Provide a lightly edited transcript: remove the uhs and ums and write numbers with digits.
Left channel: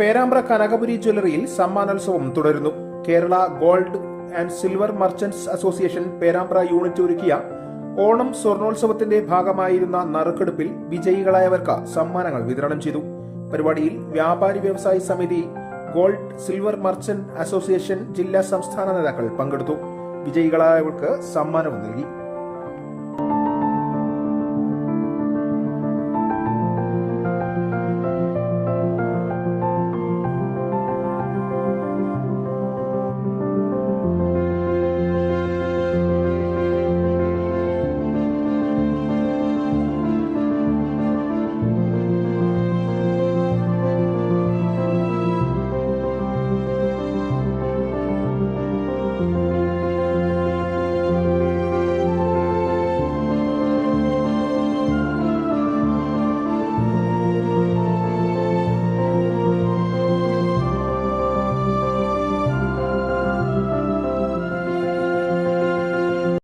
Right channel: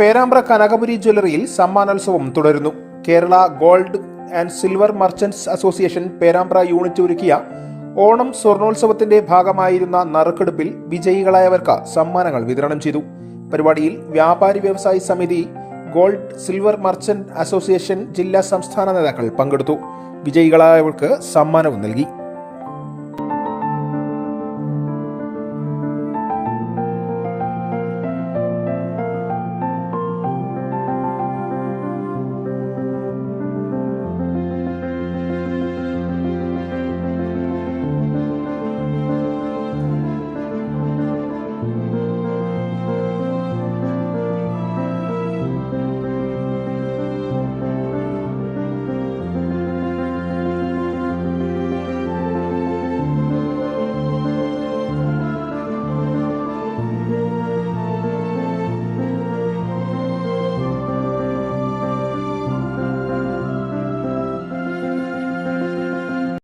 പേരാമ്പ്ര കനകപുരി ജ്വല്ലറിയിൽ സമ്മാനോത്സവം തുടരുന്നു. Kerala gold and silver merchants association Perambra unit ഒരുക്കിയ ഓണം സ്വർണോത്സവത്തിന്റെ ഭാഗമായിരുന്ന നറുക്കെടുപ്പിൽ വിജയികളായവർക്ക് സമ്മാനങ്ങൾ വിതരണം ചെയ്തു. പരിപാടിയിൽ വ്യാപാരി വ്യവസായി സമിതി, ഗോൾഡ് സിൽവർ മർച്ചന്റ് അസോസിയേഷൻ ജില്ലാ സംസ്ഥാന നേതാക്കൾ പങ്കെടുത്തു. വിജയികളായവർക്ക് സമ്മാനവും നൽകി.